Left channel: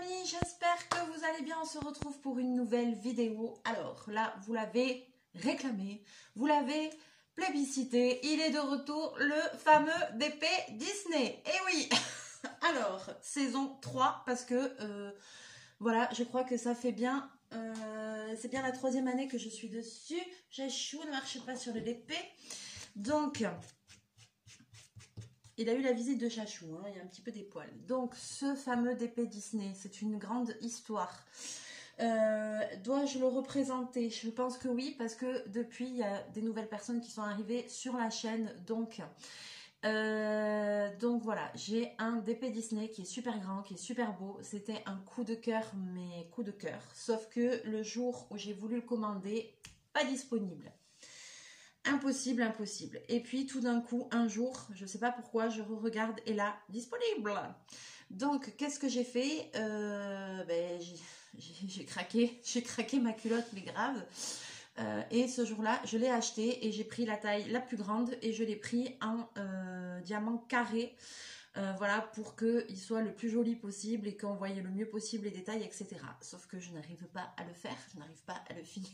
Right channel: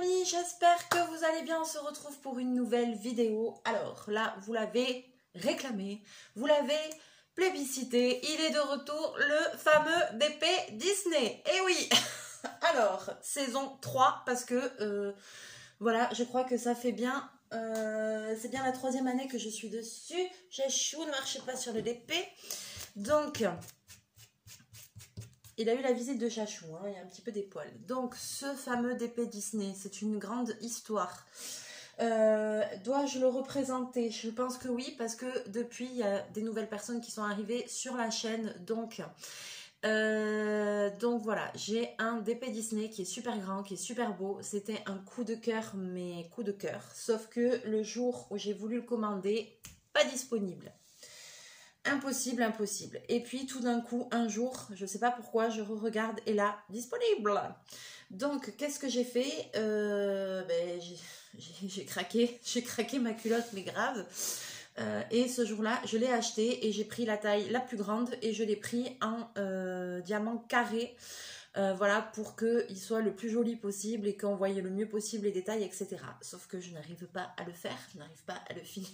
amis, j'espère que vous allez bien. On se retrouve pour une nouvelle vidéo. Alors là, vous l'avez réclamé, vous l'avez plébiscité. Il est de retour, le fameux DP Disney. Et oui. Alors, saison 3, parce que voilà, je crois que ça fait bien. C'est bien la 3e année que je suis dessus. Chachou, ne marchez pas sur le DP. Donc, il a eu la visite de Chachou, hein, il y a un petit peu des poils. Donc, ce fameux DP Disney, c'est une grande histoire. Dois-je le représenter? Je pense que oui, parce que depuis, il y a des nouvelles personnes qui sont arrivées sur la chaîne. Donc voilà, j'ai un DP Disney qui est super grand, qui est super beau. C'était un coup de cœur, mais coup de cœur. Sauf que le jour où j'ai voulu le commander, pas disponible. Impossible, impossible. Et puis tout d'un coup, un jour, je ne sais pas pourquoi, je regarde et là, disponible. Donc, qu'est-ce que j'ai fait? J'ai craqué ma culotte, mais grave. Et ce jour-là, je l'ai acheté et j'ai pris la taille la plus grande et je l'ai pris en diamant carré. Voilà, pour qu'il soit le plus joli possible et qu'on voie le mieux possible les détails, etc. Sauf que je n'arrive pas à le faire, je n'arrive pas à le finir.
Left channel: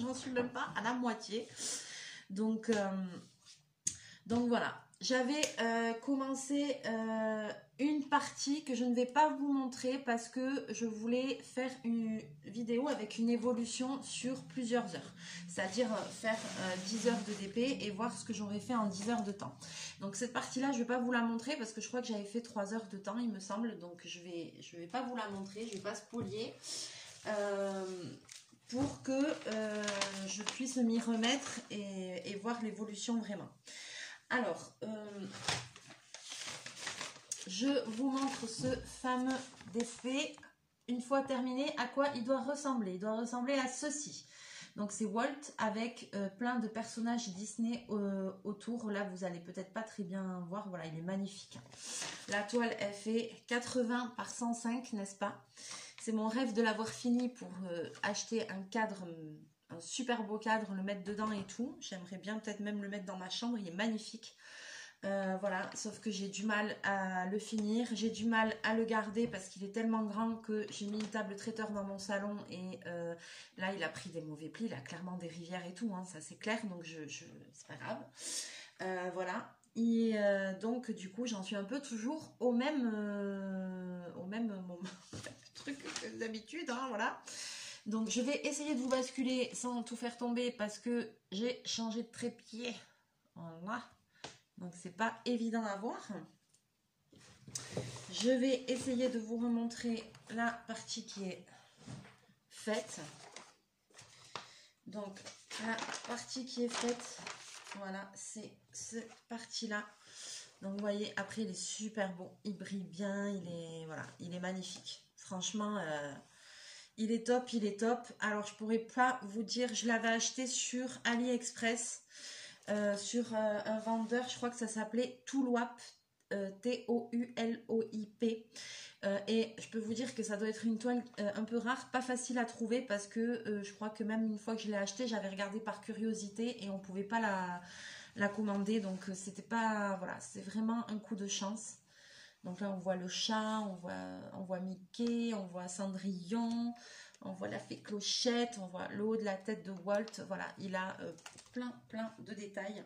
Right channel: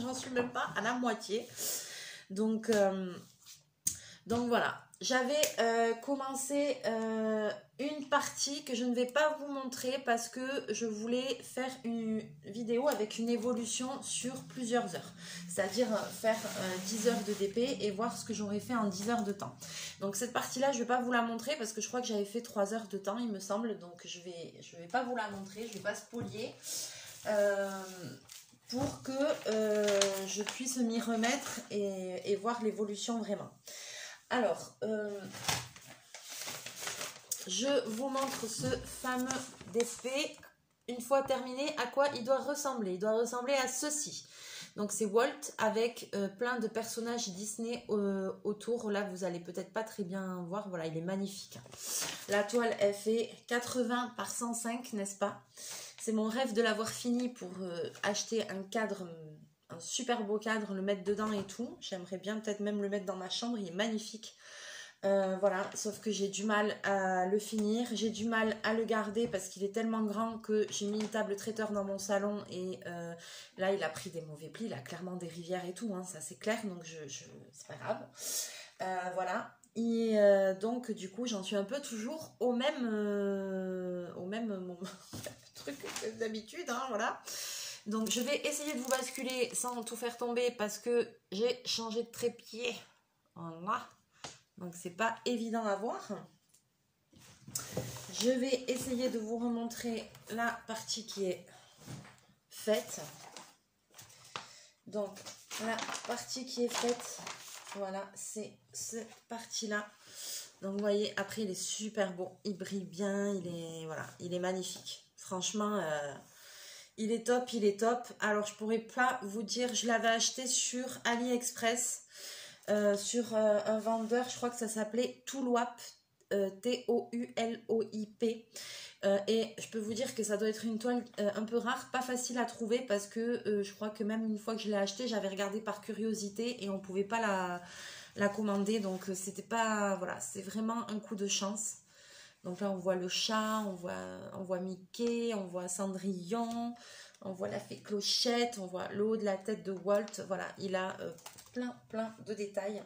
J'en suis même pas à la moitié. Donc voilà, j'avais commencé une partie que je ne vais pas vous montrer parce que je voulais faire une vidéo avec une évolution sur plusieurs heures, c'est-à-dire faire 10 heures de DP et voir ce que j'aurais fait en 10 heures de temps. Donc cette partie-là, je ne vais pas vous la montrer parce que je crois que j'avais fait 3 heures de temps, il me semble, donc je vais pas vous la montrer, je ne vais pas spolier. Pour que je puisse m'y remettre et voir l'évolution vraiment. Alors, je vous montre ce fameux DP. Une fois terminé, à quoi il doit ressembler? Il doit ressembler à ceci. Donc c'est Walt avec plein de personnages Disney autour. Là, vous allez peut-être pas très bien voir. Voilà, il est magnifique. La toile, elle fait 80 par 105, n'est-ce pas? C'est mon rêve de l'avoir fini pour acheter un cadre, un super beau cadre, le mettre dedans et tout. J'aimerais bien peut-être même le mettre dans ma chambre, il est magnifique. Voilà, sauf que j'ai du mal à le finir. J'ai du mal à le garder parce qu'il est tellement grand que j'ai mis une table traiteur dans mon salon et là, il a pris des mauvais plis. Il a clairement des rivières et tout, hein, ça c'est clair, donc c'est pas grave. Voilà. Et donc du coup j'en suis un peu toujours au même truc que d'habitude, hein, voilà. Donc je vais essayer de vous basculer sans tout faire tomber parce que j'ai changé de trépied, voilà, donc c'est pas évident à voir. Je vais essayer de vous remontrer la partie qui est faite. Donc la partie qui est faite, voilà, c'est cette partie-là. Donc vous voyez, après il est super beau, il brille bien, il est magnifique. Franchement, il est top, il est top. Alors je pourrais pas vous dire, je l'avais acheté sur AliExpress, sur un vendeur, je crois que ça s'appelait Toulwap, T-O-U-L-O-I-P. Et je peux vous dire que ça doit être une toile un peu rare, pas facile à trouver parce que je crois que même une fois que je l'ai acheté, j'avais regardé par curiosité et on pouvait pas la commander, donc c'était pas, voilà, c'est vraiment un coup de chance. Donc là on voit le chat, on voit Mickey, on voit Cendrillon, on voit la fée Clochette, on voit le haut de la tête de Walt. Voilà, il a plein de détails.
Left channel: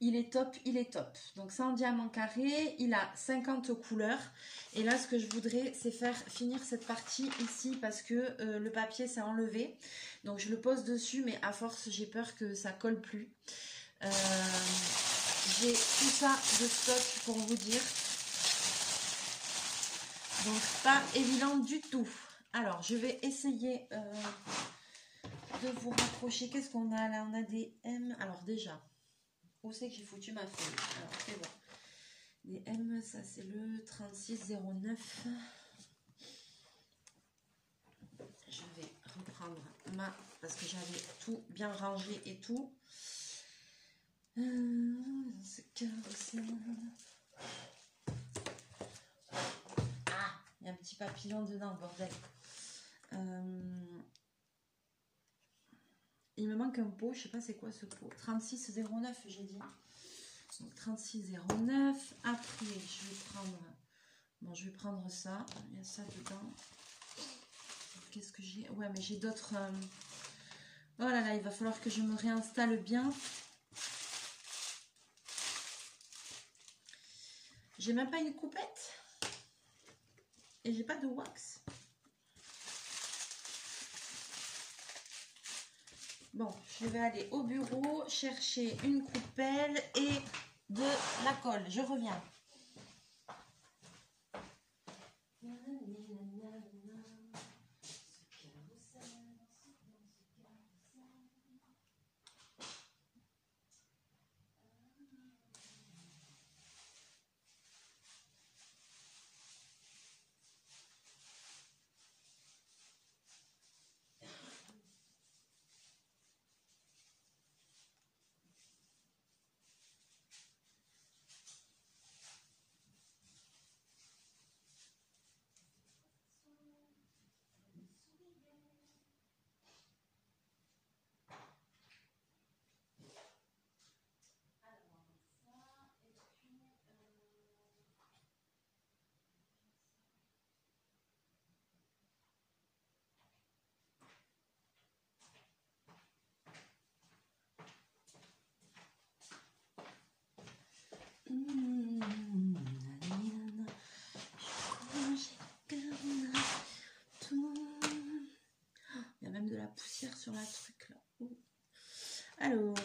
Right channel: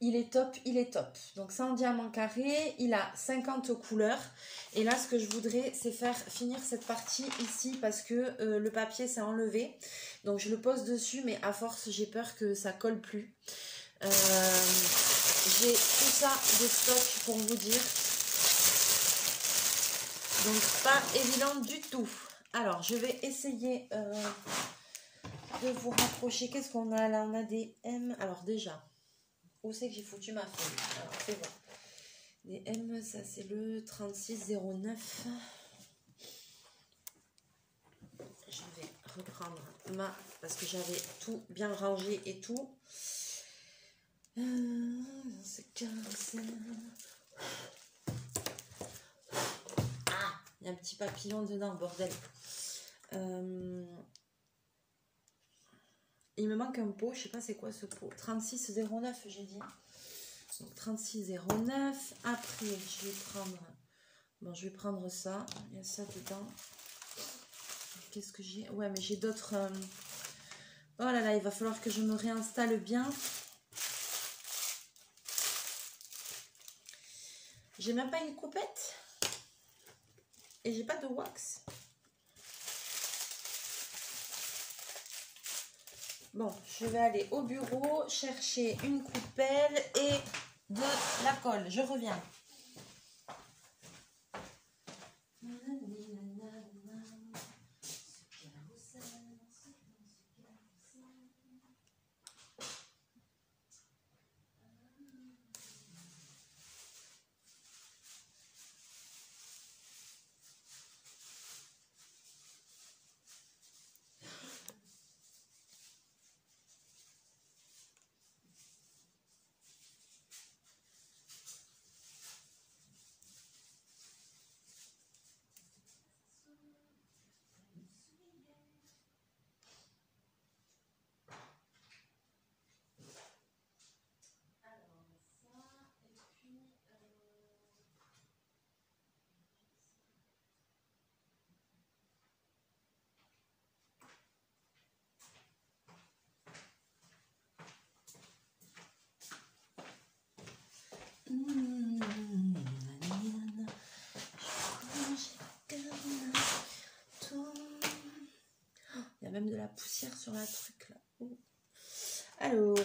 Il est top, il est top. Donc c'est en diamant carré, il a 50 couleurs. Et là ce que je voudrais, c'est faire finir cette partie ici parce que le papier s'est enlevé. Donc je le pose dessus, mais à force j'ai peur que ça colle plus. J'ai tout ça de stock pour vous dire. Donc pas évident du tout. Alors je vais essayer de vous rapprocher. Qu'est-ce qu'on a là? On a des M. Alors déjà, où c'est que j'ai foutu ma feuille? Alors c'est bon. Des M, ça c'est le 3609. Je vais reprendre parce que j'avais tout bien rangé et tout. C'est carré. Il y a un petit papillon dedans, bordel. Il me manque un pot, je sais pas c'est quoi ce pot. 3609, j'ai dit. Donc 3609. Après, je vais prendre Bon, je vais prendre ça. Il y a ça dedans. Qu'est-ce que j'ai? Ouais, mais j'ai d'autres... Oh là là, il va falloir que je me réinstalle bien. J'ai même pas une coupette. Et j'ai pas de wax. Bon, je vais aller au bureau chercher une coupelle et de la colle. Je reviens. Il y a même de la poussière sur la truc là. Alors,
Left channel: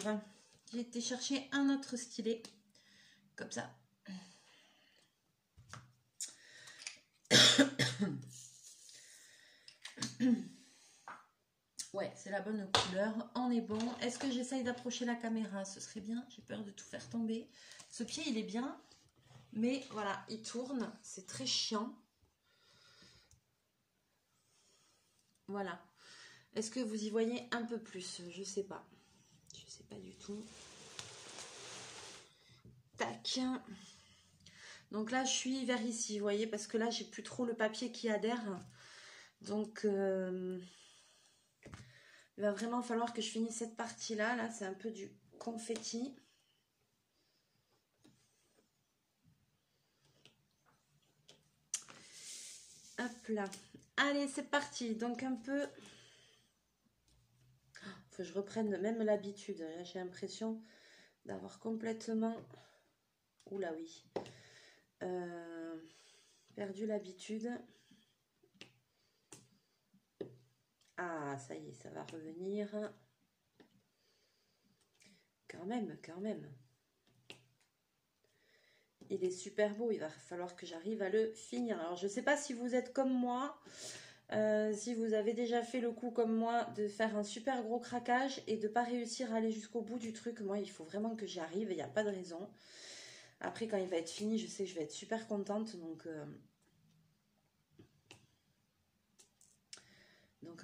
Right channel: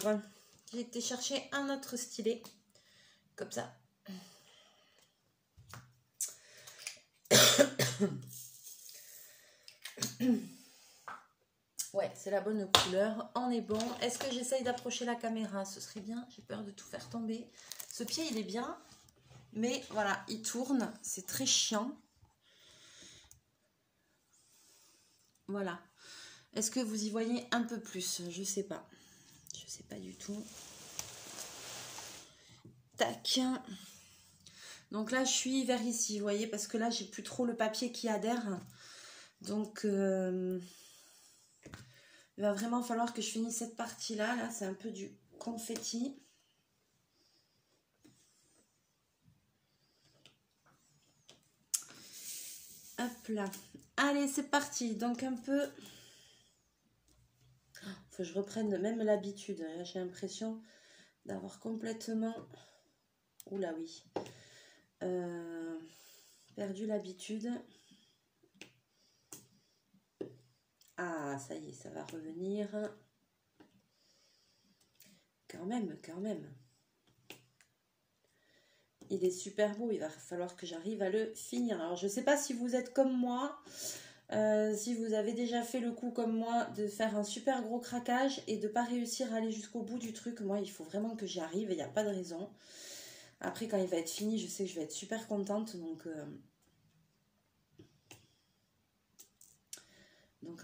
j'ai été chercher un autre stylet. Comme ça. Ouais, c'est la bonne couleur. On est bon. Est-ce que j'essaye d'approcher la caméra? Ce serait bien. J'ai peur de tout faire tomber. Ce pied, il est bien. Mais voilà, il tourne. C'est très chiant. Voilà. Est-ce que vous y voyez un peu plus? Je sais pas. Je sais pas du tout. Tac. Donc là, je suis vers ici, vous voyez, parce que là, j'ai plus trop le papier qui adhère. Donc, il va vraiment falloir que je finisse cette partie-là. Là, c'est un peu du confetti. Hop là. Allez, c'est parti. Donc, un peu... Faut que je reprenne même l'habitude. Là, j'ai l'impression d'avoir complètement... Oula, oui. Perdu l'habitude. Ah, ça y est, ça va revenir. Quand même, quand même. Il est super beau, il va falloir que j'arrive à le finir. Alors, je ne sais pas si vous êtes comme moi, si vous avez déjà fait le coup comme moi de faire un super gros craquage et de ne pas réussir à aller jusqu'au bout du truc. Moi, il faut vraiment que j'y arrive et il n'y a pas de raison. Après, quand il va être fini, je sais que je vais être super contente. Donc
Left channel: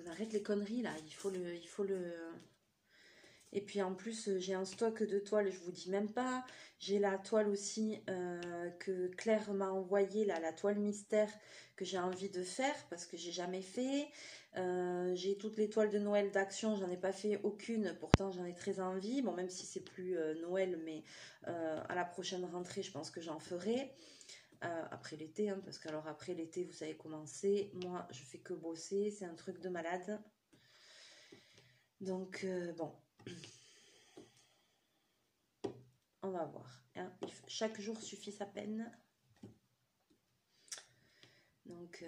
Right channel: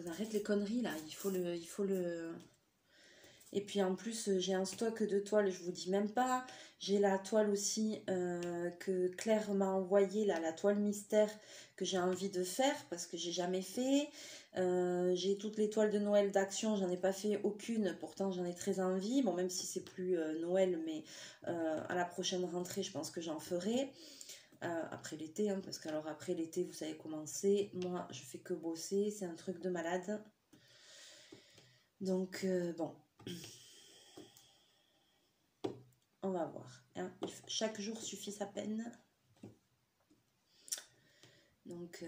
on arrête les conneries là, il faut le... Et puis en plus, j'ai un stock de toiles, je vous dis même pas. J'ai la toile aussi que Claire m'a envoyée, là, la toile mystère que j'ai envie de faire parce que j'ai jamais fait. J'ai toutes les toiles de Noël d'Action, j'en ai pas fait aucune, pourtant j'en ai très envie. Bon, même si c'est plus Noël, mais à la prochaine rentrée, je pense que j'en ferai. Après l'été, hein, parce que alors après l'été, vous savez comment c'est. Moi, je fais que bosser, c'est un truc de malade. Donc, bon. On va voir. Hein. Chaque jour suffit sa peine. Donc...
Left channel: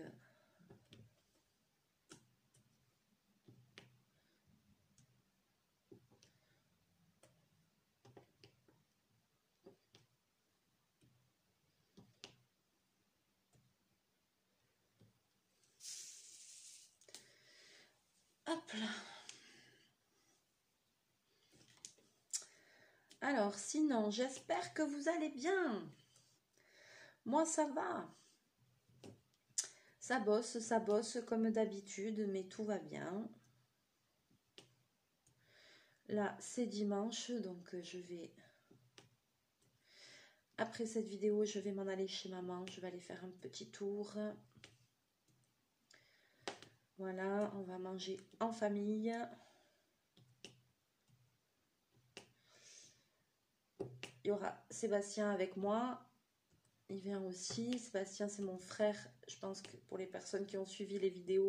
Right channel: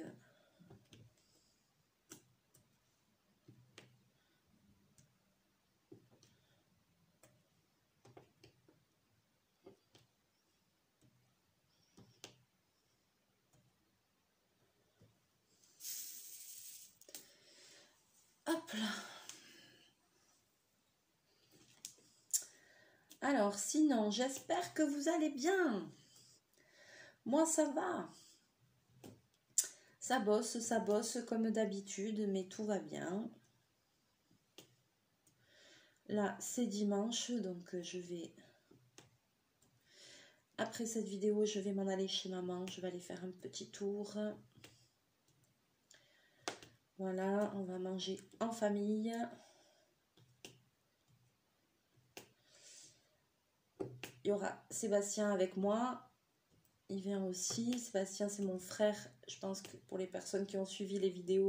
hop là. Alors, sinon, j'espère que vous allez bien. Moi, ça va. Ça bosse comme d'habitude, mais tout va bien. Là, c'est dimanche, donc je vais... Après cette vidéo, je vais m'en aller chez maman. Je vais aller faire un petit tour. Voilà, on va manger en famille. Il y aura Sébastien avec moi. il vient aussi. Sébastien, c'est mon frère. Je pense que pour les personnes qui ont suivi les vidéos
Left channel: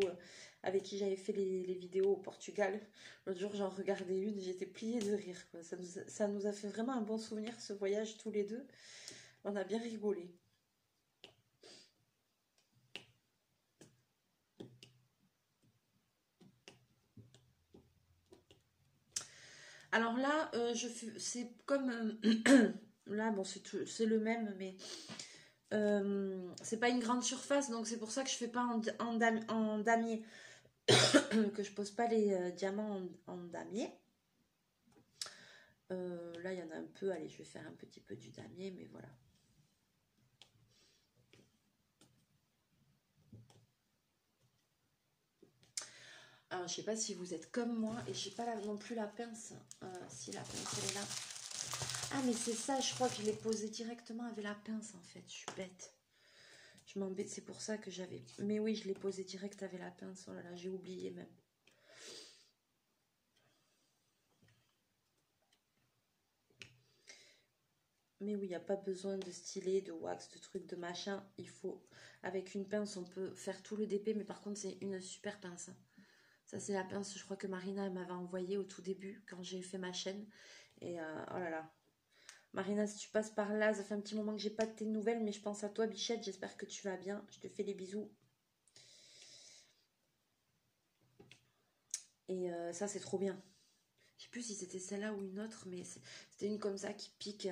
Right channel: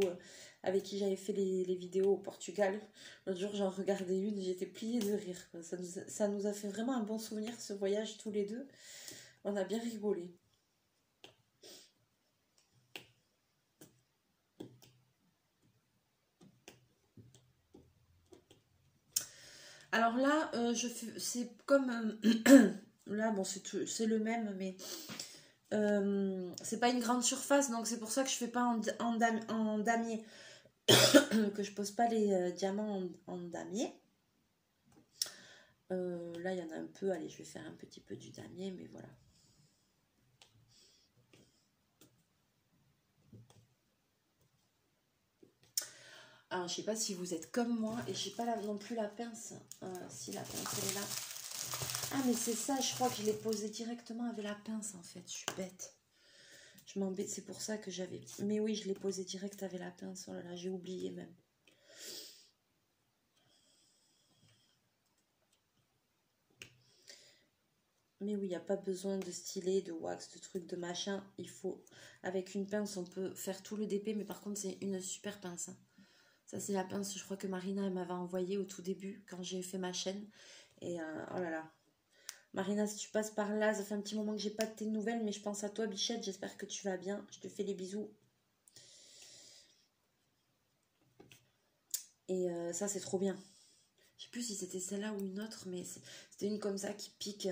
avec qui j'avais fait les vidéos au Portugal, l'autre jour j'en regardais une, j'étais pliée de rire, quoi. Ça nous a fait vraiment un bon souvenir, ce voyage tous les deux. On a bien rigolé. Alors là, c'est comme... là, bon, c'est le même, mais... c'est pas une grande surface, donc c'est pour ça que je fais pas en damier. Que je pose pas les diamants en damier. Là, il y en a un peu. Allez, je vais faire un petit peu du damier, mais voilà. Alors, je sais pas si vous êtes comme moi, et j'ai pas non plus la pince. Si la pince elle est là. Ah, mais c'est ça, je crois que je l'ai posé directement avec la pince, en fait. Je suis bête. Je m'embête, c'est pour ça que j'avais... Mais oui, je l'ai posé direct avec la pince. Oh là là, j'ai oublié même. Mais oui, il n'y a pas besoin de stylet, de wax, de trucs, de machin. Il faut... Avec une pince, on peut faire tout le DP, mais par contre, c'est une super pince. Hein. Ça, c'est la pince, je crois que Marina, elle m'avait envoyé au tout début, quand j'ai fait ma chaîne. Et oh là là. Marina, si tu passes par là, ça fait un petit moment que j'ai pas de tes nouvelles, mais je pense à toi, Bichette. J'espère que tu vas bien. Je te fais des bisous. Et ça, c'est trop bien. Je sais plus si c'était celle-là ou une autre, mais c'était une comme ça qui pique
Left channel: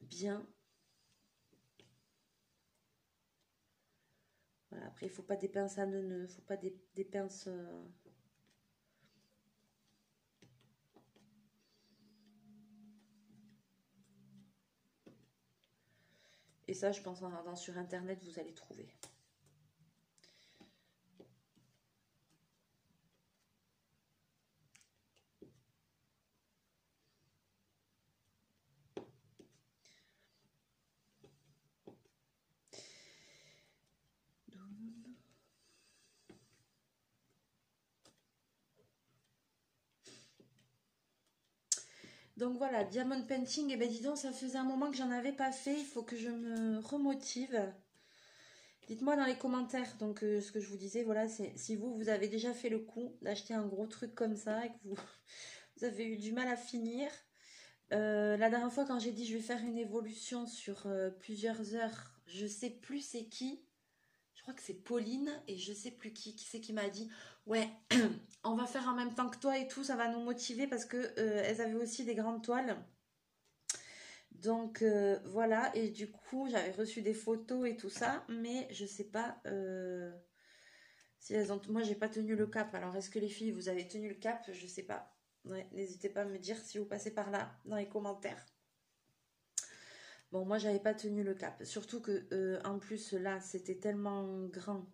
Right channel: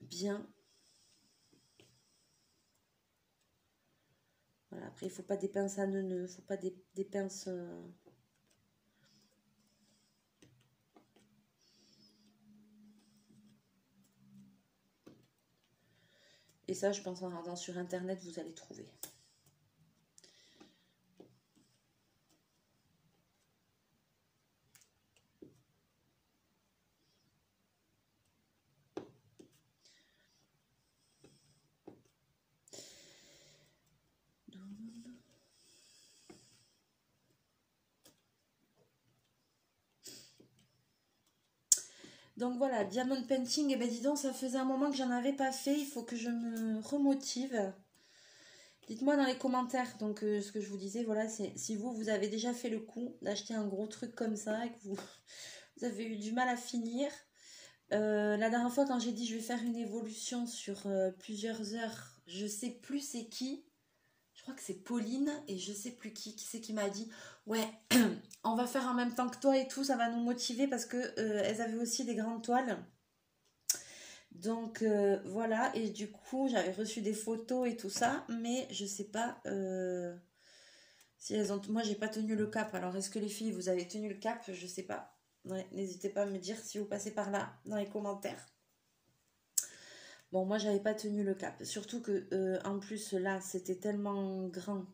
bien. Voilà, après, il faut pas des pinces à neuneux, il faut pas des pinces... Et ça, je pense en regardant sur Internet, vous allez trouver. Donc voilà, Diamond Painting, et ben dis donc, ça faisait un moment que j'en avais pas fait, il faut que je me remotive. Dites-moi dans les commentaires, donc ce que je vous disais, voilà, c'est si vous avez déjà fait le coup d'acheter un gros truc comme ça et que vous avez eu du mal à finir. La dernière fois quand j'ai dit je vais faire une évolution sur plusieurs heures, je sais plus c'est qui. Je crois que c'est Pauline et je sais plus qui c'est qui m'a dit ouais, on va faire en même temps que toi et tout, ça va nous motiver parce que elles avaient aussi des grandes toiles. Donc voilà, et du coup j'avais reçu des photos et tout ça, mais je sais pas si elles ont... Moi j'ai pas tenu le cap, alors est-ce que les filles vous avez tenu le cap? Je sais pas. Ouais, n'hésitez pas à me dire si vous passez par là dans les commentaires. Bon, moi j'avais pas tenu le cap, surtout que en plus là c'était tellement grand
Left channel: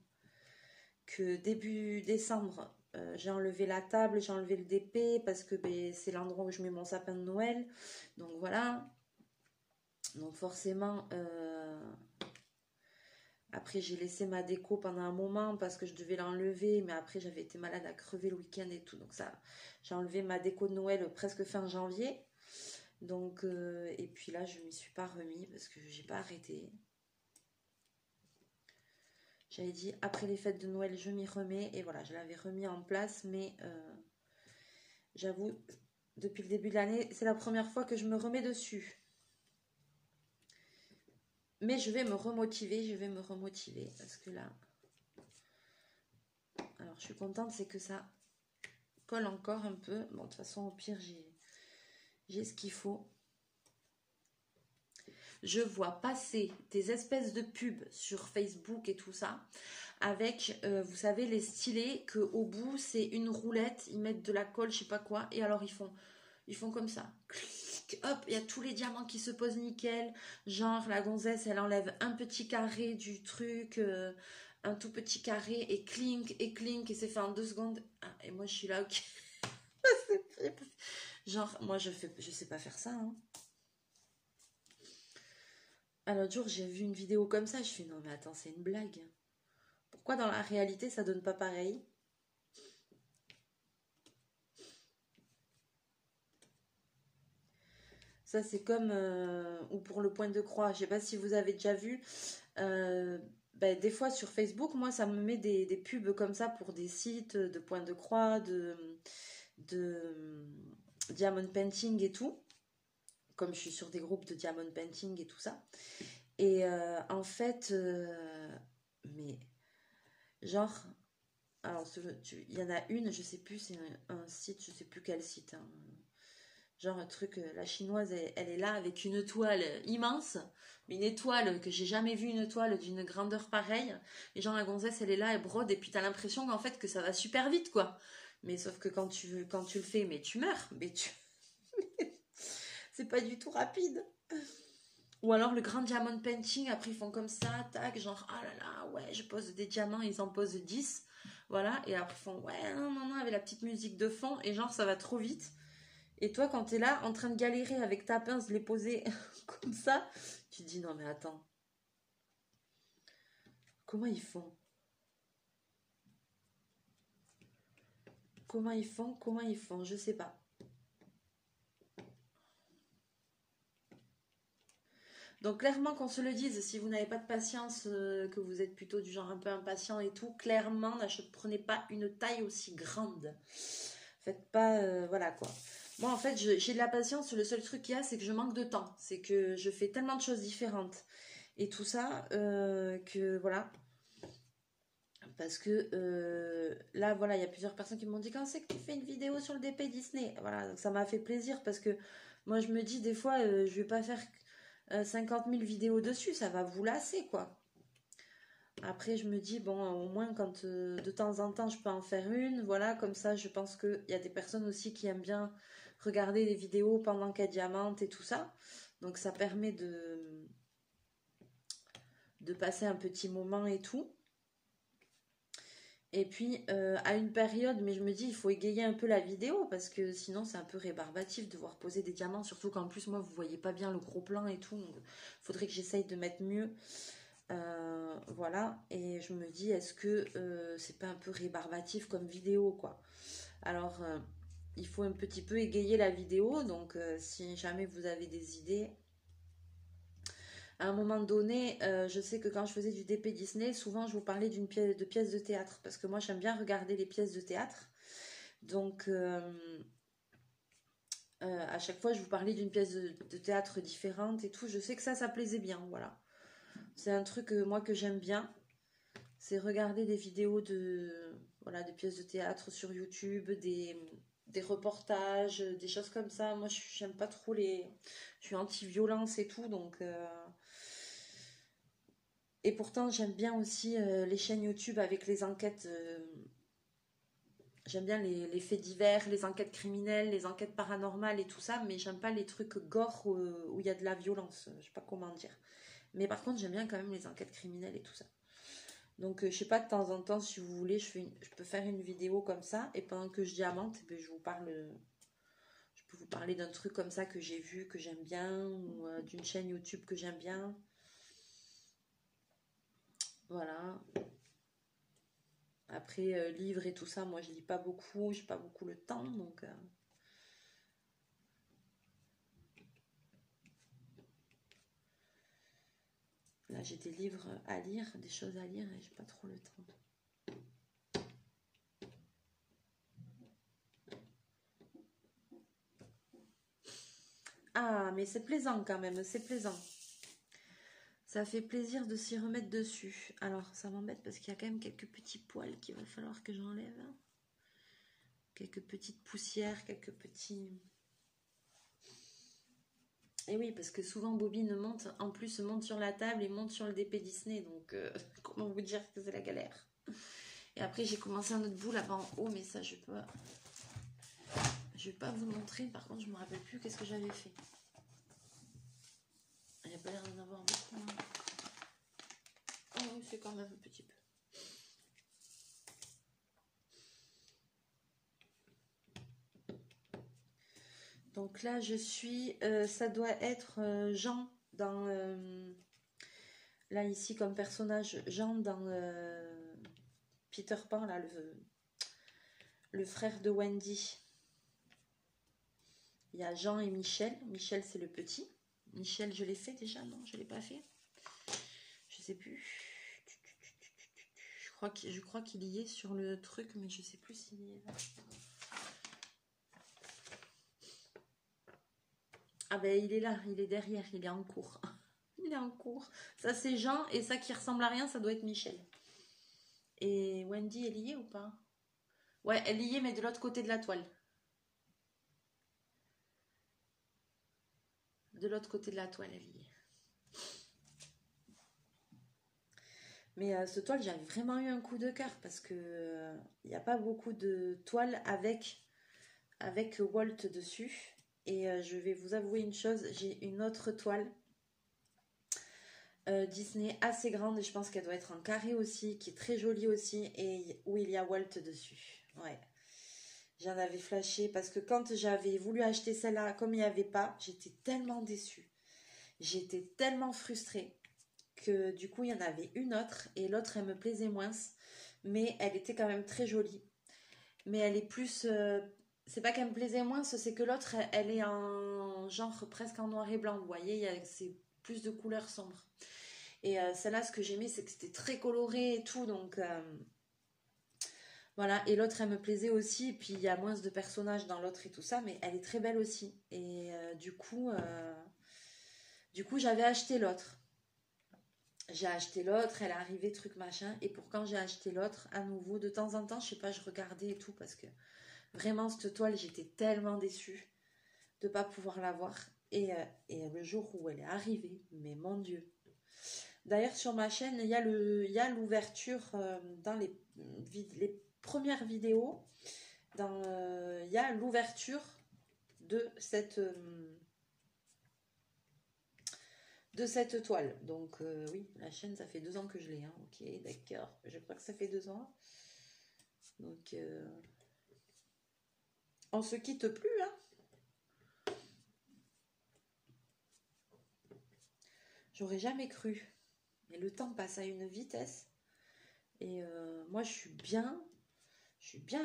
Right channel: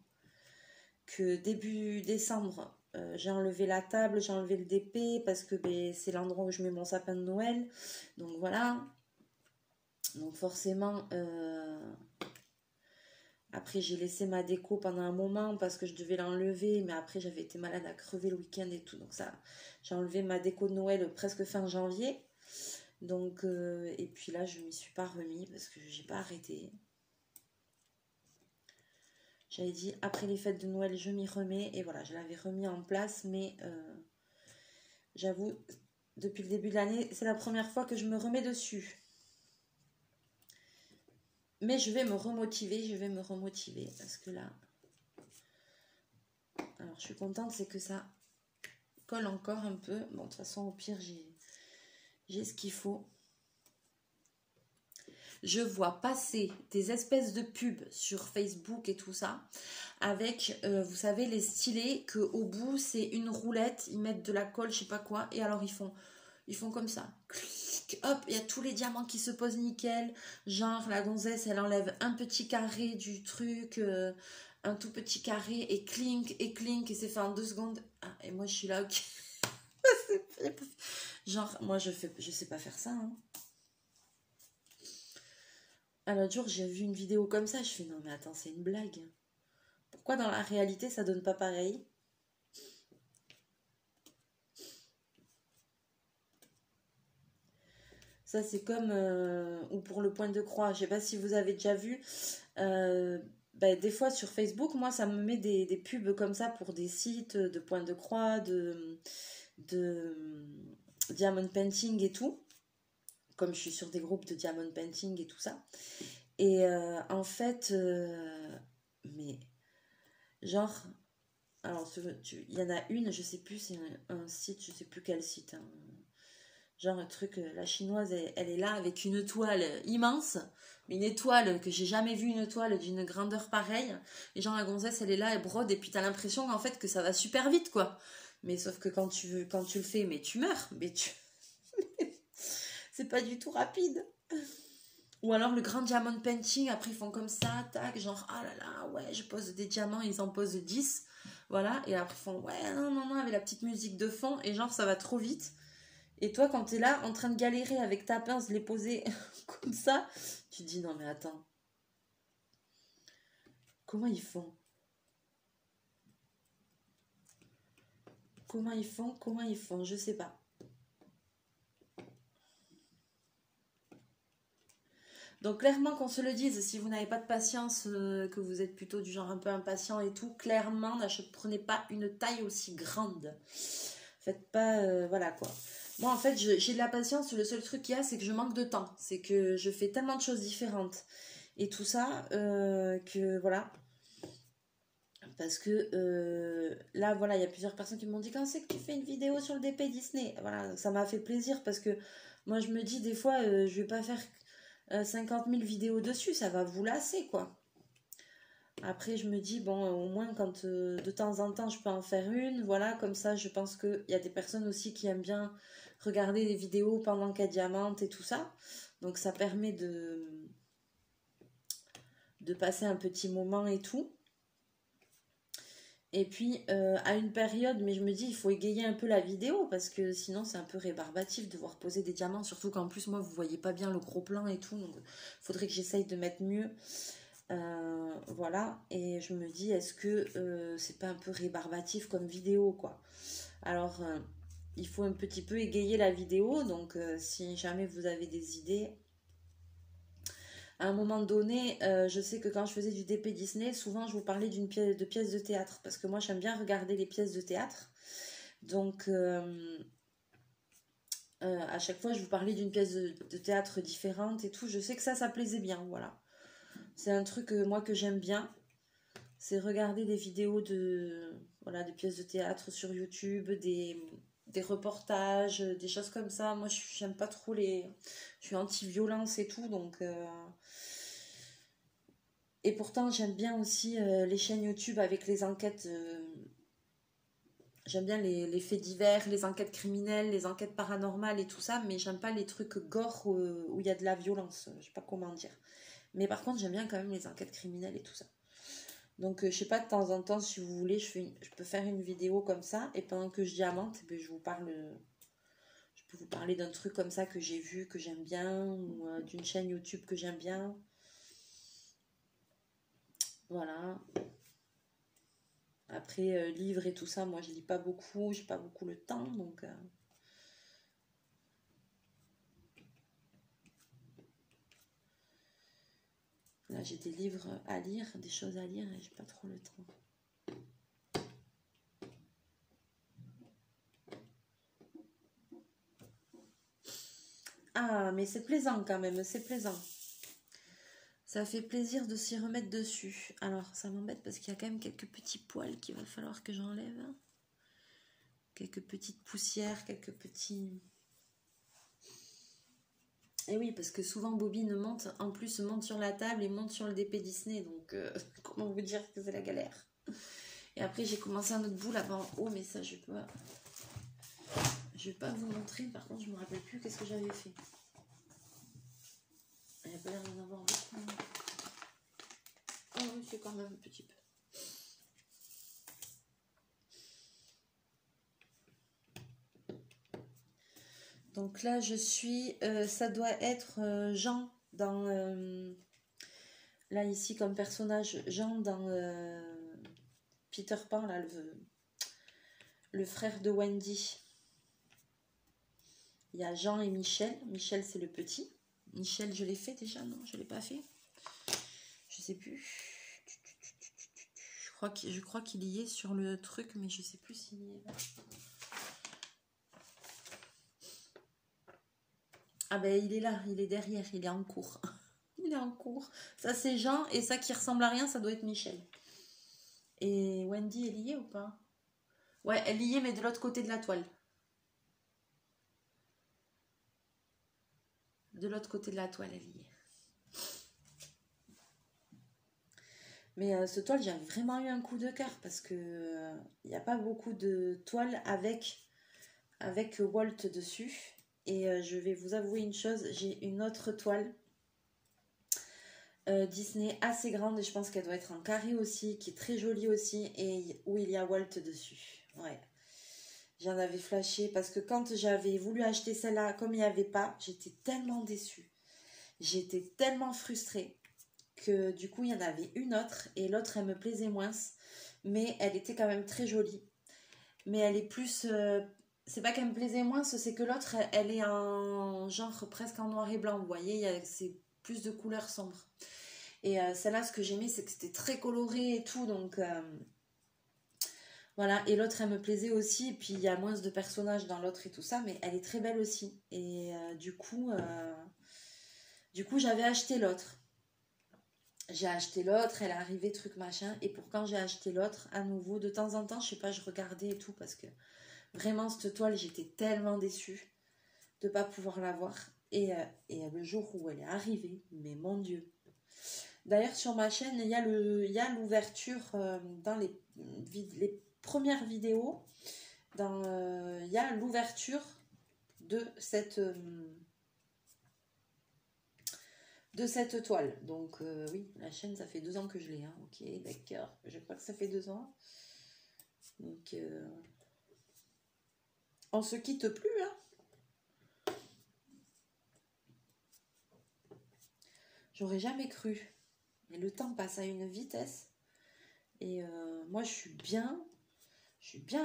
que début décembre j'ai enlevé la table, j'ai enlevé le DP parce que ben, c'est l'endroit où je mets mon sapin de Noël, donc voilà. Donc forcément après j'ai laissé ma déco pendant un moment parce que je devais l'enlever, mais après j'avais été malade à crever le week-end et tout, donc ça j'ai enlevé ma déco de Noël presque fin janvier. Donc et puis là je m'y suis pas remis parce que j'ai pas arrêté. J'avais dit après les fêtes de Noël je m'y remets, et voilà, je l'avais remis en place, mais j'avoue depuis le début de l'année c'est la première fois que je me remets dessus. Mais je vais me remotiver, parce que là... Alors, je suis contente, c'est que ça colle encore un peu. Bon, de toute façon, au pire, j'ai ce qu'il faut. Je vois passer des espèces de pubs sur Facebook et tout ça, avec, vous savez, les stylets, qu'au bout, c'est une roulette, ils mettent de la colle, je sais pas quoi, et alors ils font comme ça. Hop, il y a tous les diamants qui se posent nickel. Genre, la gonzesse, elle enlève un petit carré du truc, un tout petit carré, et clink, et c'est fait en 2 secondes. Ah, et moi, je suis là, ok. Genre, moi, je sais pas faire ça. Hein. Un autre jour, j'ai vu une vidéo comme ça, je fais, non mais attends, c'est une blague. Pourquoi dans la réalité, ça donne pas pareil ? Ça, c'est comme... ou pour le point de croix. Je sais pas si vous avez déjà vu. Des fois, sur Facebook, moi, ça me met des pubs comme ça pour des sites de point de croix, de diamond painting et tout. Comme je suis sur des groupes de diamond painting et tout ça. Et en fait... mais... Genre... Alors, il y en a une, je sais plus, c'est un site, je sais plus quel site. Hein. Genre un truc, la chinoise, elle est là avec une toile immense. Une étoile que j'ai jamais vu, une toile d'une grandeur pareille. Et genre la gonzesse, elle est là, elle brode. Et puis t'as l'impression en fait que ça va super vite, quoi. Mais sauf que quand tu le fais, mais tu meurs. Mais c'est pas du tout rapide. Ou alors le grand diamond painting, après ils font comme ça, tac, genre, ah là là, ouais, je pose des diamants, ils en posent 10. Voilà, et après ils font, ouais, non, non, non, avec la petite musique de fond, et genre, ça va trop vite. Et toi, quand t'es là, en train de galérer avec ta pince, les poser comme ça, tu te dis, non mais attends. Comment ils font? Comment ils font? Comment ils font? Je sais pas. Donc clairement qu'on se le dise, si vous n'avez pas de patience, que vous êtes plutôt du genre un peu impatient et tout, clairement, prenez pas une taille aussi grande. Faites pas, voilà quoi. Moi en fait, j'ai de la patience, le seul truc qu'il y a, c'est que je manque de temps. C'est que je fais tellement de choses différentes. Et tout ça, que voilà. Parce que là, voilà, il y a plusieurs personnes qui m'ont dit, quand c'est que tu fais une vidéo sur le DP Disney? Voilà, donc ça m'a fait plaisir parce que moi je me dis des fois, je vais pas faire 50 000 vidéos dessus, ça va vous lasser, quoi. Après, je me dis, bon, au moins, quand de temps en temps, je peux en faire une, voilà, comme ça, je pense qu'il y a des personnes aussi qui aiment bien regarder les vidéos pendant qu'elles diamantent et tout ça. Donc, ça permet de passer un petit moment et tout. Et puis, à une période, mais je me dis, il faut égayer un peu la vidéo, parce que sinon, c'est un peu rébarbatif de voir poser des diamants, surtout qu'en plus, moi, vous voyez pas bien le gros plan et tout, donc il faudrait que j'essaye de mettre mieux. Voilà, et je me dis, est-ce que c'est pas un peu rébarbatif comme vidéo, quoi? Alors, il faut un petit peu égayer la vidéo, donc si jamais vous avez des idées... À un moment donné, je sais que quand je faisais du DP Disney, souvent je vous parlais de pièces de théâtre, parce que moi j'aime bien regarder les pièces de théâtre. Donc à chaque fois je vous parlais d'une pièce de théâtre différente et tout. Je sais que ça plaisait bien, voilà. C'est un truc moi que j'aime bien. C'est regarder des vidéos de pièces de théâtre sur YouTube, des reportages, des choses comme ça. Moi j'aime pas trop je suis anti-violence et tout, donc... Et pourtant, j'aime bien aussi les chaînes YouTube avec les enquêtes. J'aime bien les faits divers, les enquêtes criminelles, les enquêtes paranormales et tout ça, mais j'aime pas les trucs gore où il y a de la violence. Je sais pas comment dire. Mais par contre, j'aime bien quand même les enquêtes criminelles et tout ça. Donc, je sais pas, de temps en temps, si vous voulez, je peux faire une vidéo comme ça. Et pendant que je diamante, je vous parle. Je peux vous parler d'un truc comme ça que j'ai vu, que j'aime bien, ou d'une chaîne YouTube que j'aime bien. Voilà. Après, livres et tout ça, moi je lis pas beaucoup, j'ai pas beaucoup le temps, donc... Là, j'ai des livres à lire, des choses à lire, et j'ai pas trop le temps. Ah, mais c'est plaisant quand même, c'est plaisant. Ça fait plaisir de s'y remettre dessus. Alors, ça m'embête parce qu'il y a quand même quelques petits poils qu'il va falloir que j'enlève. Quelques petites poussières, quelques petits... Et oui, parce que souvent Bobine monte sur la table et monte sur le DP Disney. Donc, comment vous dire que c'est la galère. Et après, j'ai commencé un autre bout là-bas en haut, mais ça, je vais pas vous montrer. Par contre, je me rappelle plus qu'est-ce que j'avais fait. Il n'y a pas l'air d'en avoir beaucoup. Oh oui, c'est quand même un petit peu. Donc là, je suis... ça doit être Jean dans... là, ici, comme personnage, Jean dans Peter Pan, là, le frère de Wendy. Il y a Jean et Michel. Michel, c'est le petit. Michel, je l'ai fait déjà? Non, je ne l'ai pas fait. Je sais plus. Je crois qu'il y est sur le truc, mais je sais plus s'il y est là. Ah ben, il est là, il est derrière, il est en cours. Il est en cours. Ça, c'est Jean, et ça qui ressemble à rien, ça doit être Michel. Et Wendy, elle y est ou pas? Ouais, elle y est, mais de l'autre côté de la toile. De l'autre côté de la toile, elle y est. Mais ce toile, j'avais vraiment eu un coup de cœur parce que il n'y a pas beaucoup de toiles avec Walt dessus. Et je vais vous avouer une chose, j'ai une autre toile Disney assez grande, et je pense qu'elle doit être en carré aussi, qui est très jolie aussi, et où il y a Walt dessus. Ouais. J'en avais flashé parce que quand j'avais voulu acheter celle-là, comme il n'y avait pas, j'étais tellement déçue. J'étais tellement frustrée que du coup, il y en avait une autre, et l'autre, elle me plaisait moins, mais elle était quand même très jolie. Mais elle est plus... c'est pas qu'elle me plaisait moins, c'est que l'autre, elle est en genre presque en noir et blanc, vous voyez, c'est plus de couleurs sombres. Et celle-là, ce que j'aimais, c'est que c'était très coloré et tout, donc voilà. Et l'autre, elle me plaisait aussi, et puis il y a moins de personnages dans l'autre et tout ça, mais elle est très belle aussi. Et du coup, j'avais acheté l'autre. J'ai acheté l'autre, elle est arrivée, truc machin, et pour quand j'ai acheté l'autre, à nouveau, de temps en temps, je sais pas, je regardais et tout, parce que vraiment, cette toile, j'étais tellement déçue de ne pas pouvoir l'avoir. Et le jour où elle est arrivée, mais mon Dieu. D'ailleurs, sur ma chaîne, il y a l'ouverture dans les premières vidéos. Il y a l'ouverture de cette toile. Donc oui, la chaîne, ça fait 2 ans que je l'ai. Hein. Ok, d'accord. Je crois que ça fait 2 ans. Donc, on se quitte plus, hein. J'aurais jamais cru. Mais le temps passe à une vitesse. Et moi, je suis bien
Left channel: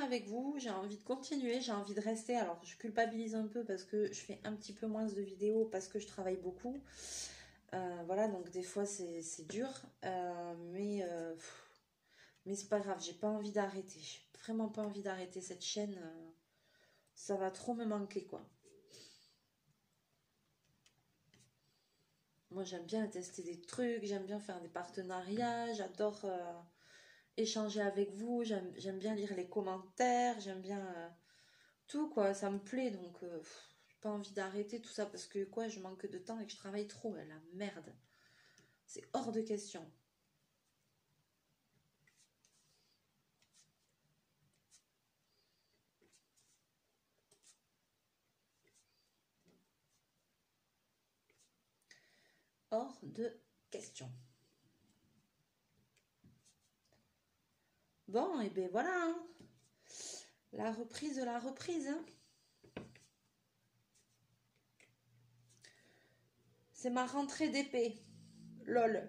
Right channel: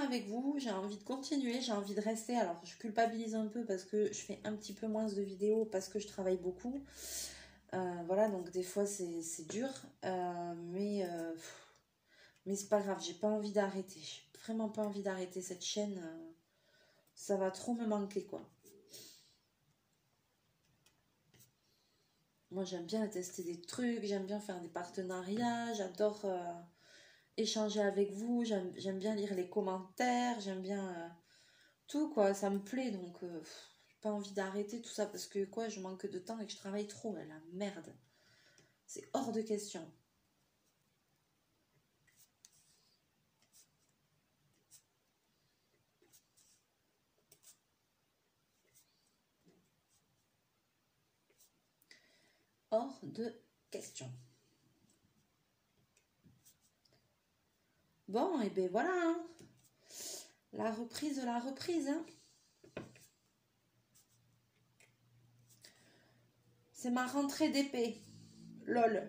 avec vous. J'ai envie de continuer, j'ai envie de rester. Alors, je culpabilise un peu parce que je fais un petit peu moins de vidéos parce que je travaille beaucoup. Voilà, donc des fois, c'est dur. Mais c'est pas grave, j'ai pas envie d'arrêter. J'ai vraiment pas envie d'arrêter cette chaîne. Ça va trop me manquer, quoi. Moi, j'aime bien tester des trucs, j'aime bien faire des partenariats, j'adore échanger avec vous, j'aime bien lire les commentaires, j'aime bien tout, quoi, ça me plaît, donc j'ai pas envie d'arrêter tout ça parce que quoi, je manque de temps et que je travaille trop, la merde. C'est hors de question. Hors de question. Bon, et ben voilà, hein. La reprise de la reprise. Hein. C'est ma rentrée d'épée. Lol.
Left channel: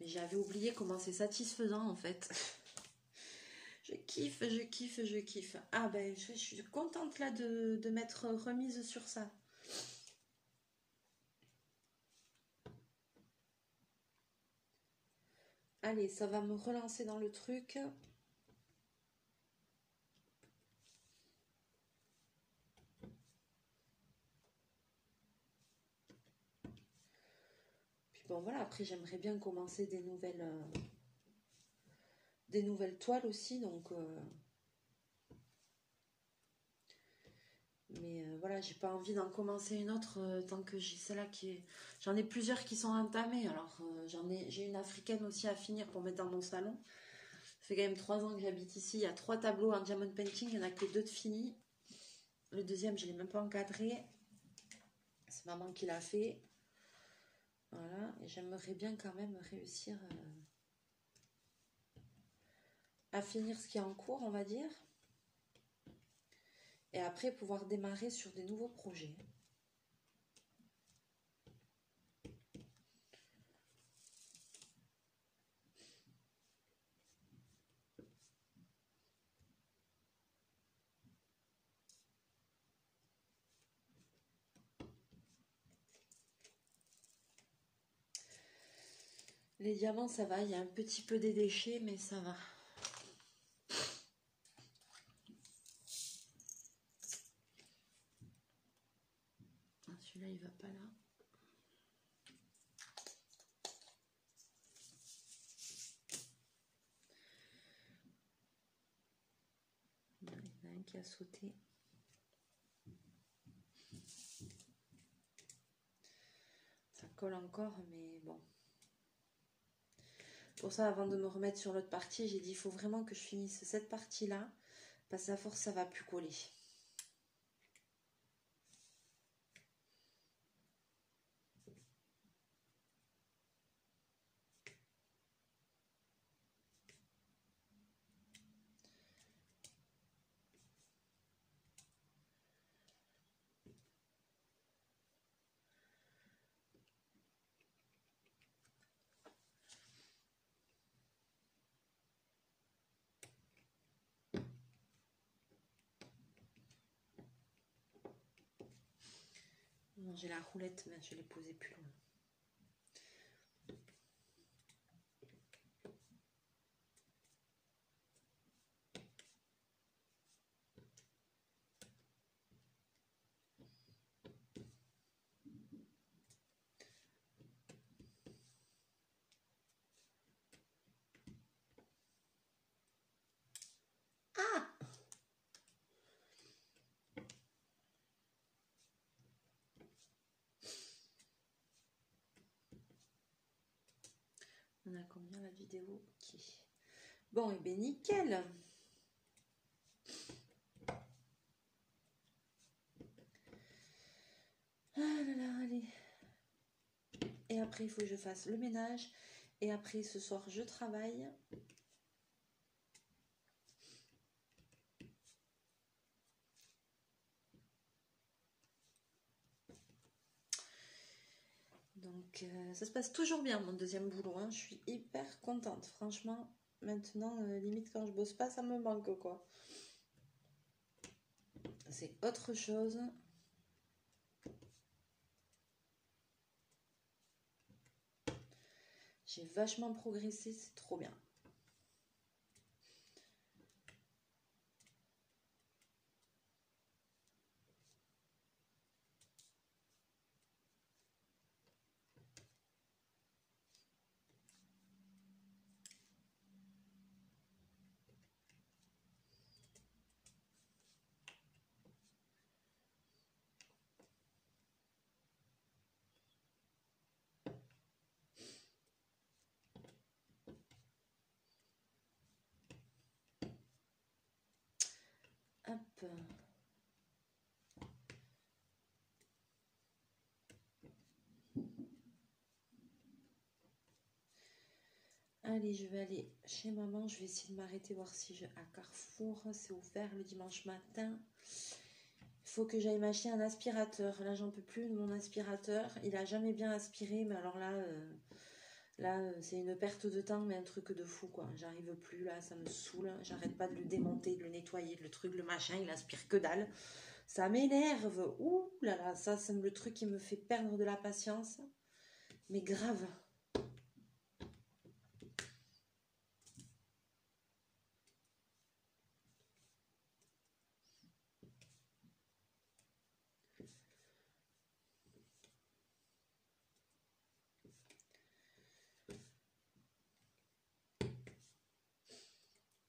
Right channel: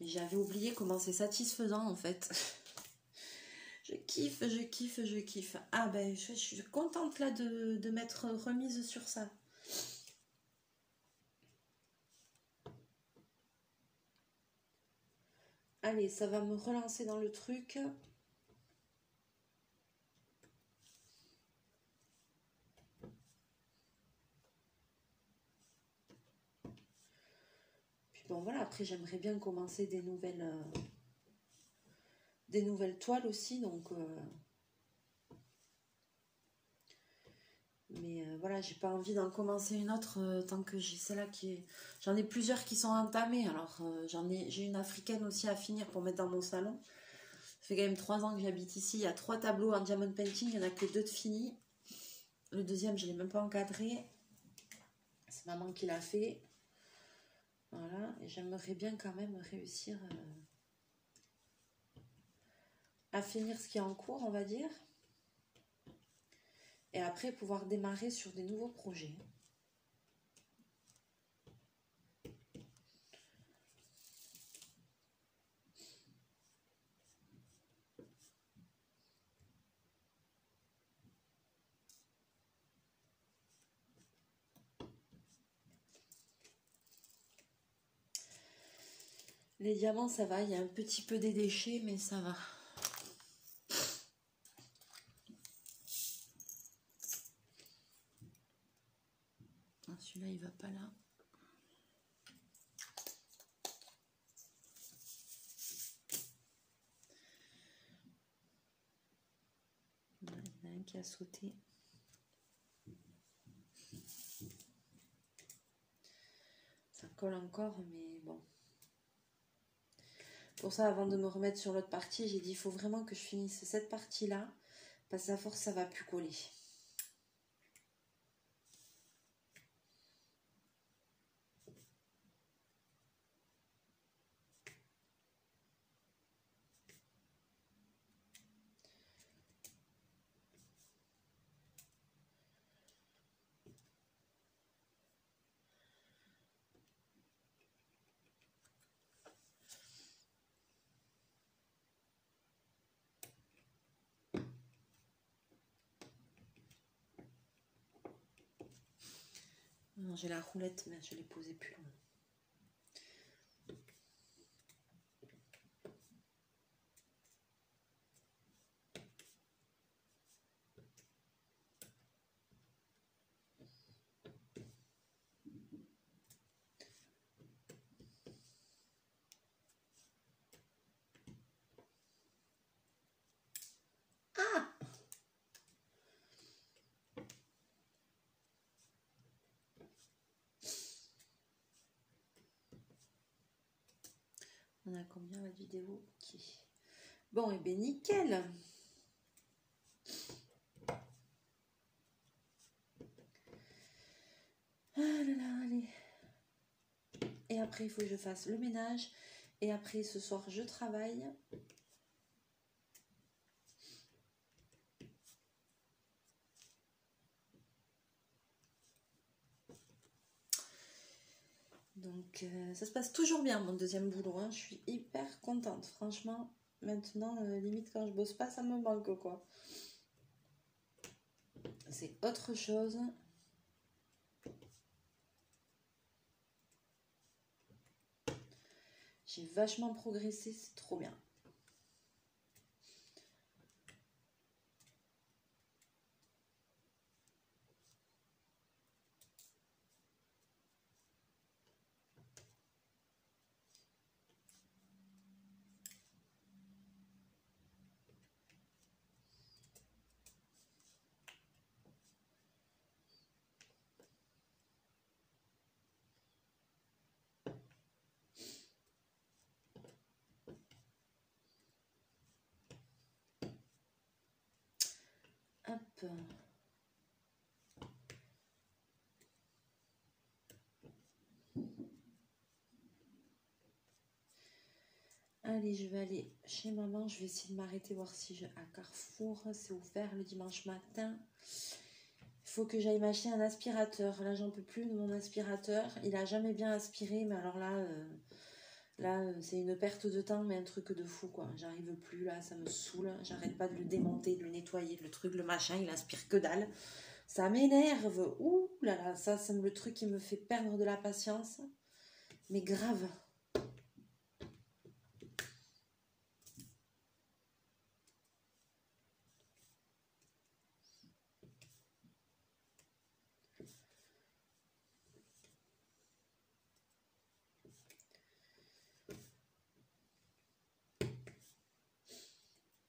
Mais j'avais oublié comment c'est satisfaisant en fait. Je kiffe, je kiffe, je kiffe. Ah ben, je suis contente là de m'être remise sur ça. Allez, ça va me relancer dans le truc. Puis bon, voilà, après j'aimerais bien commencer des nouvelles toiles aussi, donc... Mais voilà, j'ai pas envie d'en commencer une autre tant que j'ai celle-là qui est... J'en ai plusieurs qui sont entamées, alors j'ai une africaine aussi à finir pour mettre dans mon salon. Ça fait quand même 3 ans que j'habite ici, il y a 3 tableaux en diamond painting, il n'y en a que 2 de finis. Le deuxième, je ne l'ai même pas encadré. C'est maman qui l'a fait. Voilà, et j'aimerais bien quand même réussir à finir ce qui est en cours, on va dire. Et après, pouvoir démarrer sur des nouveaux projets. Les diamants, ça va. Il y a un petit peu des déchets, mais ça va. Celui-là, il va pas là. Il y en a un qui a sauté. Ça colle encore, mais bon. Pour ça, avant de me remettre sur l'autre partie, j'ai dit il faut vraiment que je finisse cette partie-là, parce qu'à force, ça va plus coller. J'ai la roulette, mais je l'ai posée plus loin. On a combien la vidéo? Ok. Bon, et bien nickel. Ah là là, allez. Et après, il faut que je fasse le ménage. Et après, ce soir, je travaille. Donc, ça se passe toujours bien, mon deuxième boulot. Hein. Je suis hyper contente. Franchement, maintenant, limite, quand je bosse pas, ça me manque, quoi. C'est autre chose. J'ai vachement progressé, c'est trop bien. Hop. Allez, je vais aller chez maman. Je vais essayer de m'arrêter, voir si je... à Carrefour, c'est ouvert le dimanche matin. Il faut que j'aille m'acheter un aspirateur. Là, j'en peux plus de mon aspirateur. Il a jamais bien aspiré, mais alors là, c'est une perte de temps, mais un truc de fou, quoi. J'arrive plus, là, ça me saoule. J'arrête pas de le démonter, de le nettoyer, le truc, le machin, il aspire que dalle. Ça m'énerve. Ouh là là, ça, c'est le truc qui me fait perdre de la patience. Mais grave.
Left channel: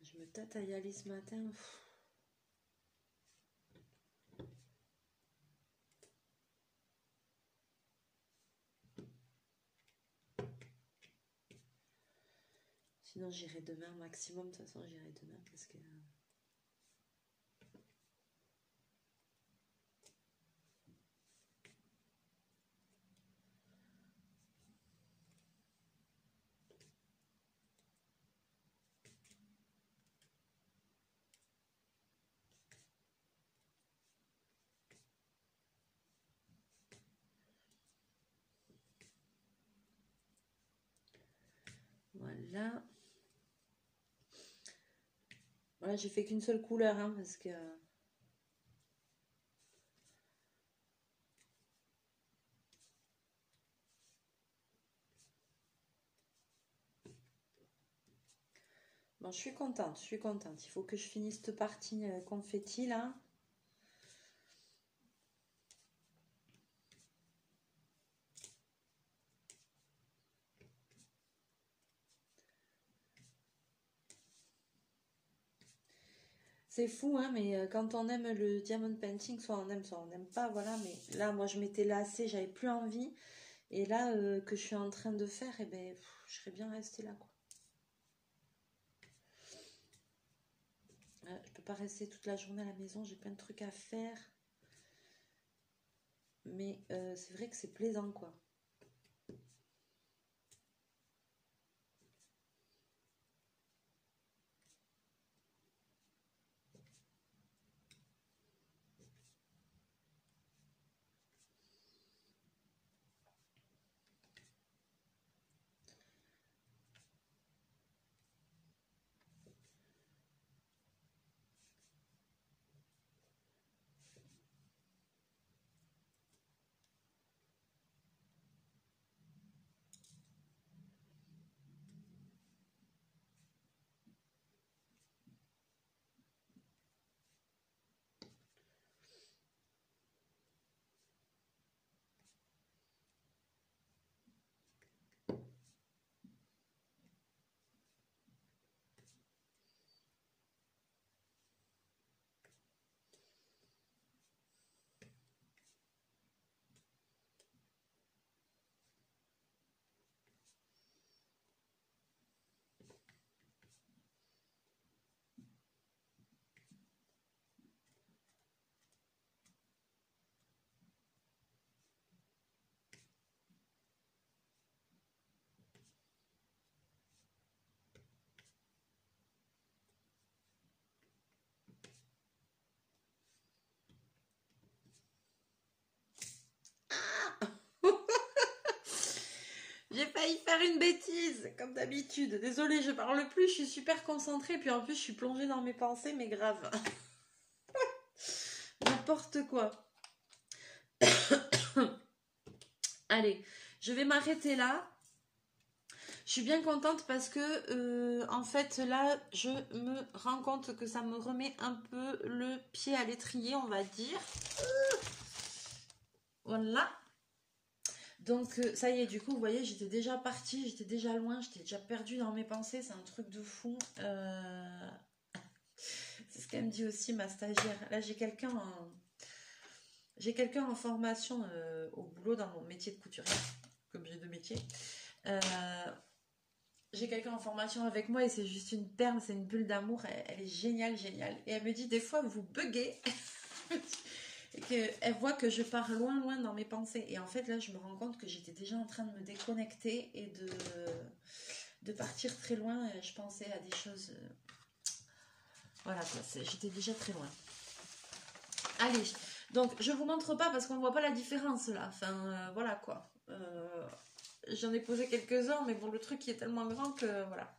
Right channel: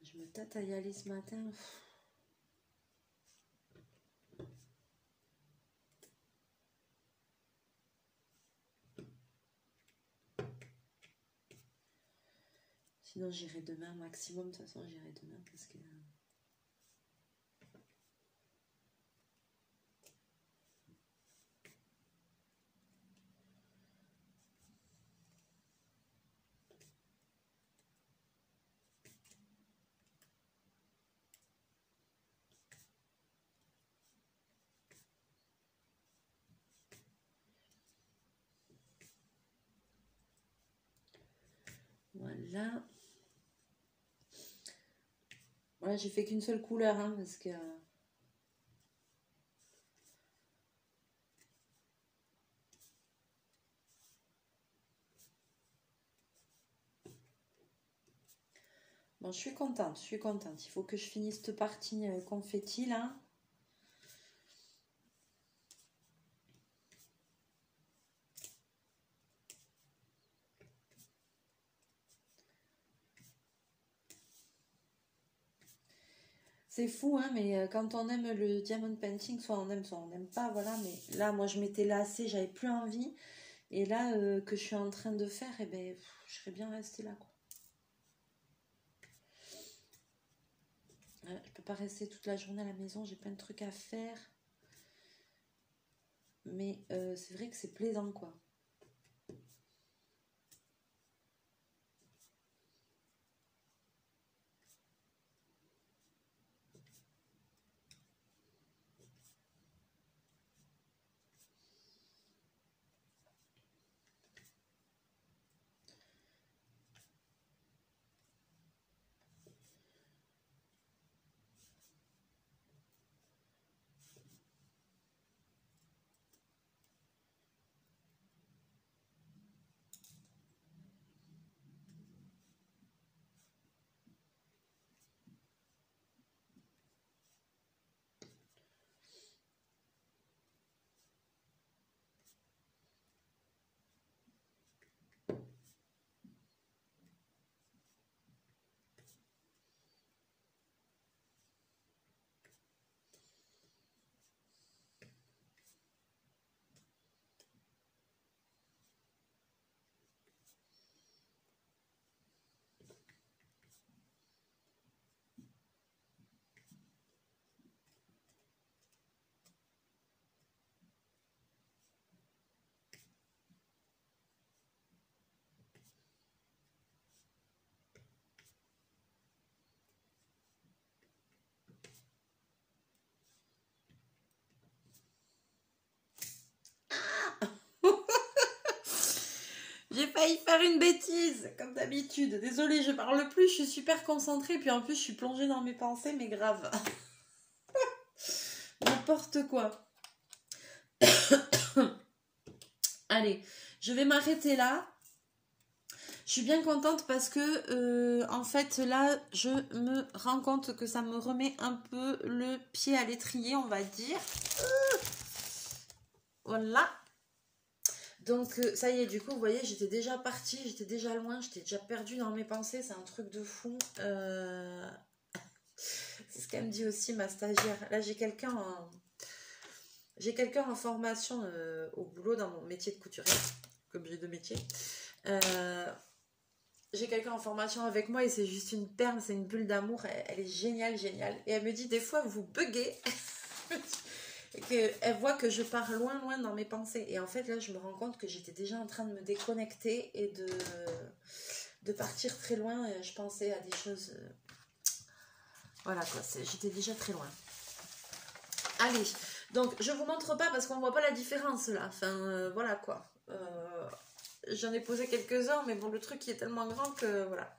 Je me tâte à y aller ce matin. Sinon, j'irai demain maximum. De toute façon, j'irai demain parce que... Voilà. Voilà, j'ai fait qu'une seule couleur, hein, parce que... Bon, je suis contente, je suis contente. Il faut que je finisse cette partie confetti là. C'est fou, hein, mais quand on aime le diamond painting, soit on n'aime pas, voilà. Mais là, moi, je m'étais lassée, j'avais plus envie. Et là, que je suis en train de faire, eh ben, je serais bien restée là, quoi. Je peux pas rester toute la journée à la maison, j'ai plein de trucs à faire. Mais c'est vrai que c'est plaisant, quoi. J'ai failli faire une bêtise, comme d'habitude. Désolée, je parle plus, je suis super concentrée, puis en plus je suis plongée dans mes pensées, mais grave. N'importe quoi. Allez, je vais m'arrêter là. Je suis bien contente parce que, en fait, là, je me rends compte que ça me remet un peu le pied à l'étrier, on va dire. Voilà. Donc, ça y est, du coup, vous voyez, j'étais déjà partie, j'étais déjà loin, j'étais déjà perdue dans mes pensées. C'est un truc de fou. C'est ce qu'elle me dit aussi, ma stagiaire. Là, j'ai quelqu'un en formation au boulot dans mon métier de couturière, comme j'ai deux métiers. J'ai quelqu'un en formation avec moi et c'est juste une perle, c'est une bulle d'amour. Elle est géniale, géniale. Et elle me dit, des fois, vous buguez. Et qu'elle voit que je pars loin, loin dans mes pensées. Et en fait, là, je me rends compte que j'étais déjà en train de me déconnecter et de partir très loin. Je pensais à des choses... Voilà, quoi. J'étais déjà très loin. Allez, donc, je vous montre pas parce qu'on voit pas la différence, là. Enfin, voilà, quoi. J'en ai posé quelques-uns, mais bon, le truc qui est tellement grand que, voilà.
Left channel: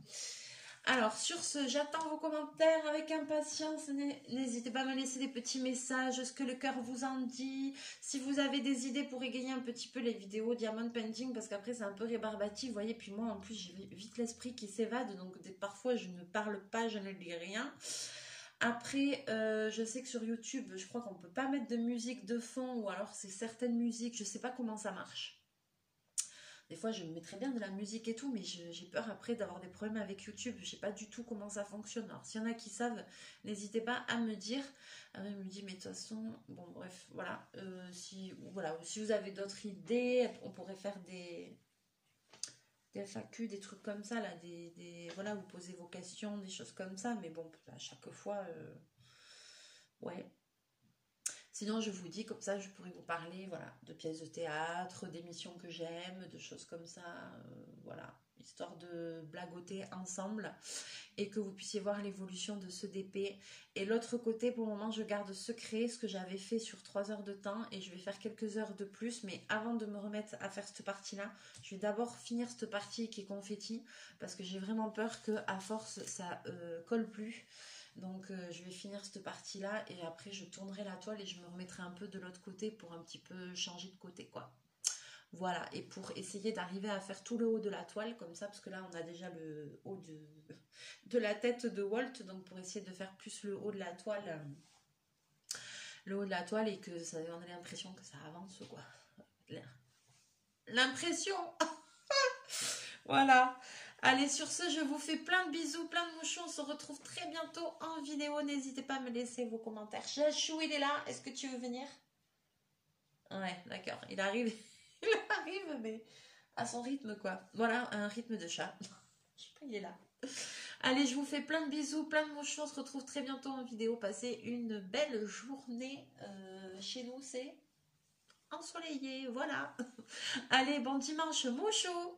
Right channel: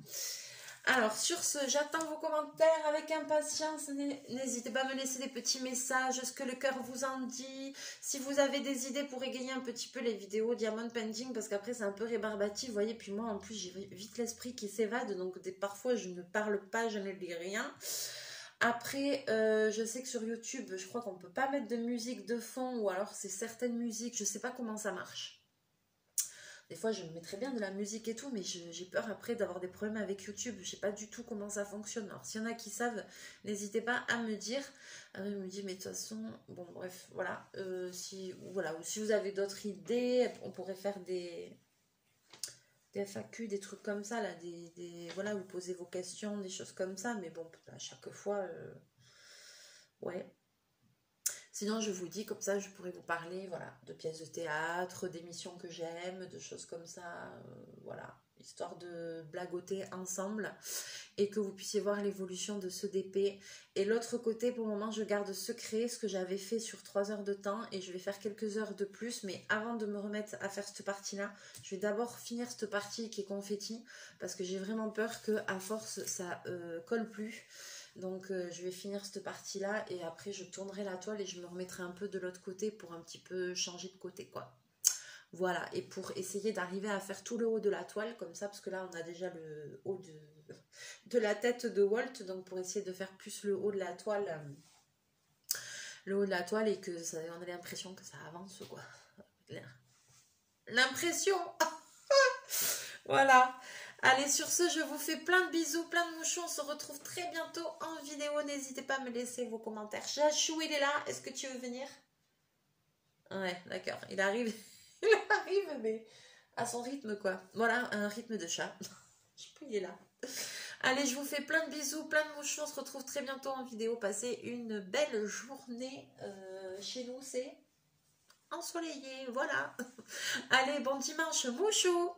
Alors, sur ce, j'attends vos commentaires avec impatience. N'hésitez pas à me laisser des petits messages, ce que le cœur vous en dit. Si vous avez des idées pour égayer un petit peu les vidéos Diamond Painting, parce qu'après, c'est un peu rébarbatif, vous voyez. Puis moi, en plus, j'ai vite l'esprit qui s'évade. Donc, parfois, je ne parle pas, je ne dis rien. Après, je sais que sur YouTube, je crois qu'on ne peut pas mettre de musique de fond, ou alors c'est certaines musiques, je ne sais pas comment ça marche. Des fois, je me mets très bien de la musique et tout, mais j'ai peur après d'avoir des problèmes avec YouTube. Je ne sais pas du tout comment ça fonctionne. Alors, s'il y en a qui savent, n'hésitez pas à me dire. Il me dit, mais de toute façon, bon, bref, voilà. Si vous avez d'autres idées, on pourrait faire des FAQ, des trucs comme ça, là, voilà, vous posez vos questions, des choses comme ça, mais bon, à chaque fois, ouais. Sinon, je vous dis, comme ça, je pourrais vous parler, voilà, de pièces de théâtre, d'émissions que j'aime, de choses comme ça, voilà, histoire de blagoter ensemble et que vous puissiez voir l'évolution de ce DP. Et l'autre côté, pour le moment, je garde secret ce que j'avais fait sur 3 heures de temps et je vais faire quelques heures de plus, mais avant de me remettre à faire cette partie-là, je vais d'abord finir cette partie qui est confetti parce que j'ai vraiment peur que à force, ça colle plus. Donc je vais finir cette partie là et après je tournerai la toile et je me remettrai un peu de l'autre côté pour un petit peu changer de côté, quoi. Voilà, et pour essayer d'arriver à faire tout le haut de la toile, comme ça, parce que là, on a déjà le haut de la tête de Walt, donc pour essayer de faire plus le haut de la toile, et que ça, on a l'impression que ça avance, quoi. L'impression. Voilà. Allez, sur ce, je vous fais plein de bisous, plein de mouchons. On se retrouve très bientôt en vidéo. N'hésitez pas à me laisser vos commentaires. Chachou, il est là. Est-ce que tu veux venir? Ouais, d'accord. Il arrive. Il arrive, mais à son rythme, quoi. Voilà, un rythme de chat. Je sais plus, il est là. Allez, je vous fais plein de bisous, plein de mouchons. On se retrouve très bientôt en vidéo. Passez une belle journée. Chez nous, c'est ensoleillé. Voilà. Allez, bon dimanche, mouchou.